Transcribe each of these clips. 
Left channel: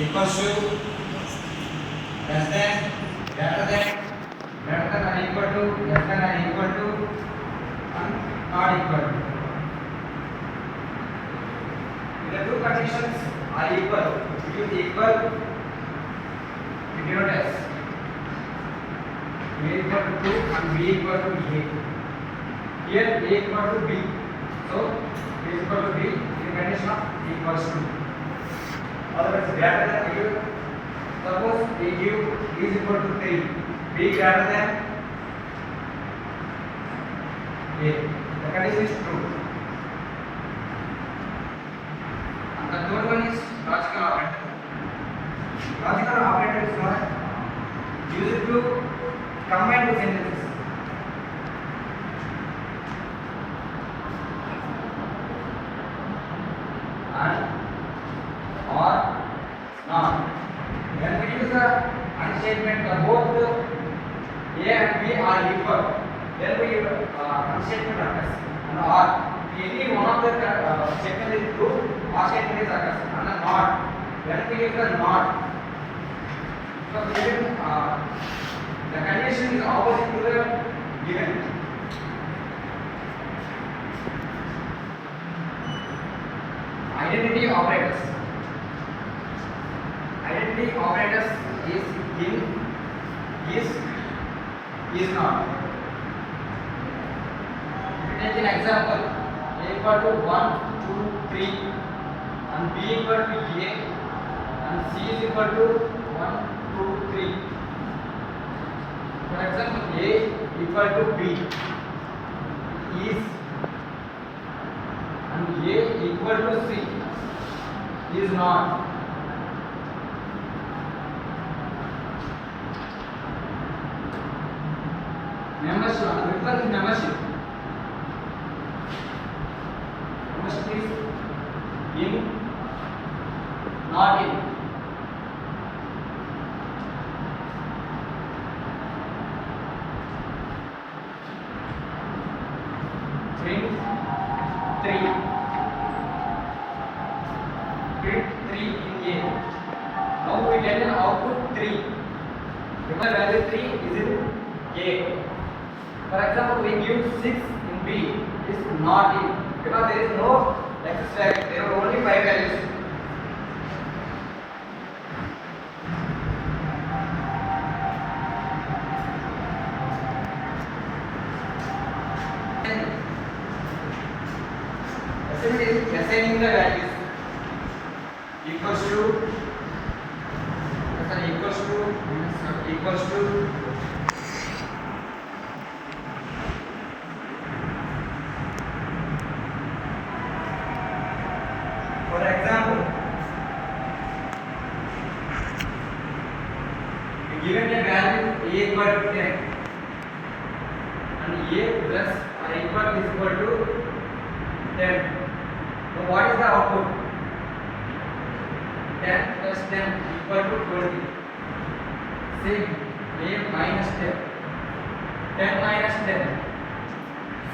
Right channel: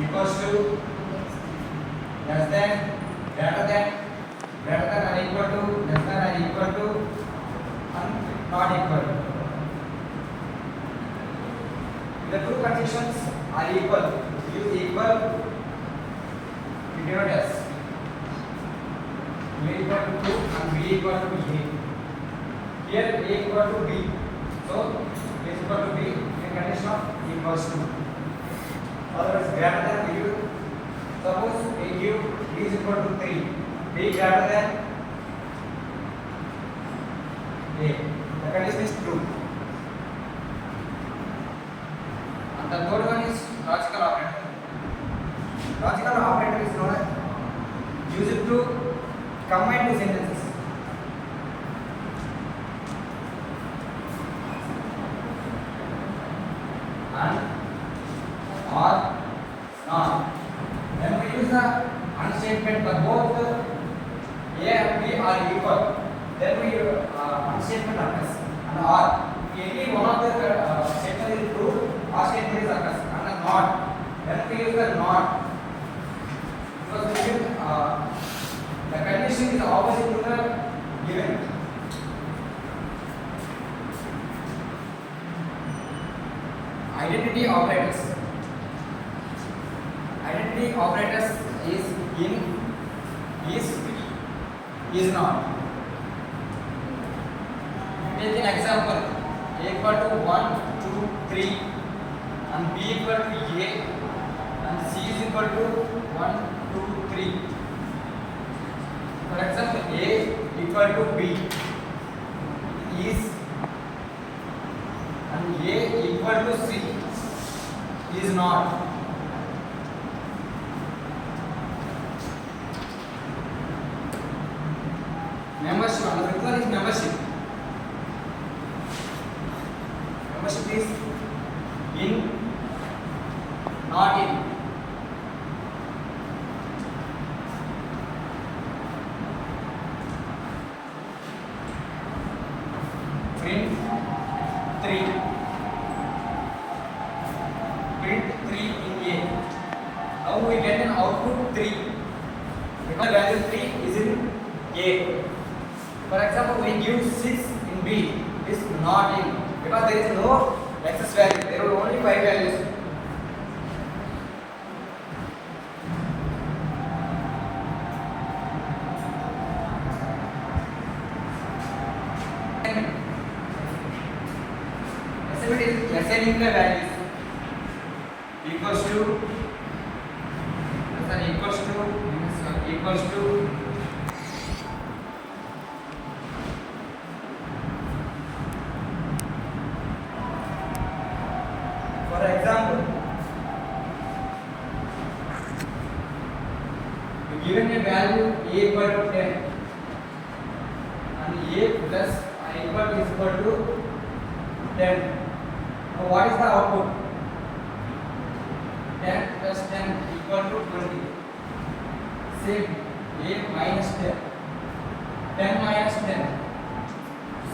equals to, less than, greater than or equal to, less than or equal to, and not equal to. The two conditions are equal. We use equal to denote as A equal to 2 and B equal to A. Here A equal to B. So A is equal to B in condition of equals to. Otherwise greater than A give. Suppose A give B is equal to 3. B greater than A. The condition is true. And the third one is logical operator. Logical operator is known as used to combine two sentences. And or not. When we use the and statement for both A and B are equal, then we and statement occurs. And or any one of the statement is true, or statement is occurs. And the not, when we use the not, because given the condition is opposite to the given. Identity operators. Identity operators is in, is not. If you take an example, A equal to 1, 2, 3, and B equal to A, and C is equal to 1, 2, 3. For example, A equal to B is, and A equal to C is not. Membership, another one is membership. Membership is in, not in. Print 3. Print 3 in A. Now we get an output 3. Because value 3 is in A. For example, we give 6 in B is not in, because there is no excess value. There are only 5 values. Assigning the values equals to equals to for example, we given a value A equal to 10 and A plus or equal is equal to 10. So what is the output? 10 plus 10 equal to 20. Same, A minus 10. 10 minus 10,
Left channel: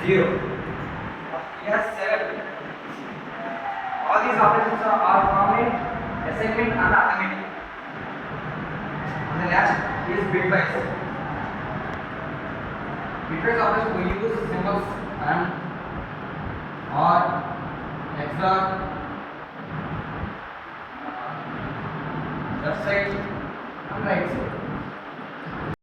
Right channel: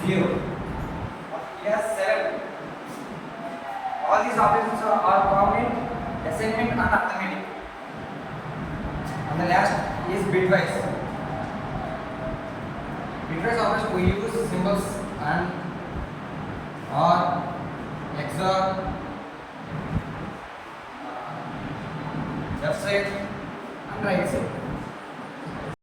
0. Yes, 7. All these operations are common in assignment and arithmetic. And the last is bitwise. Bitwise operation we use symbols and or, XOR, left side and right side.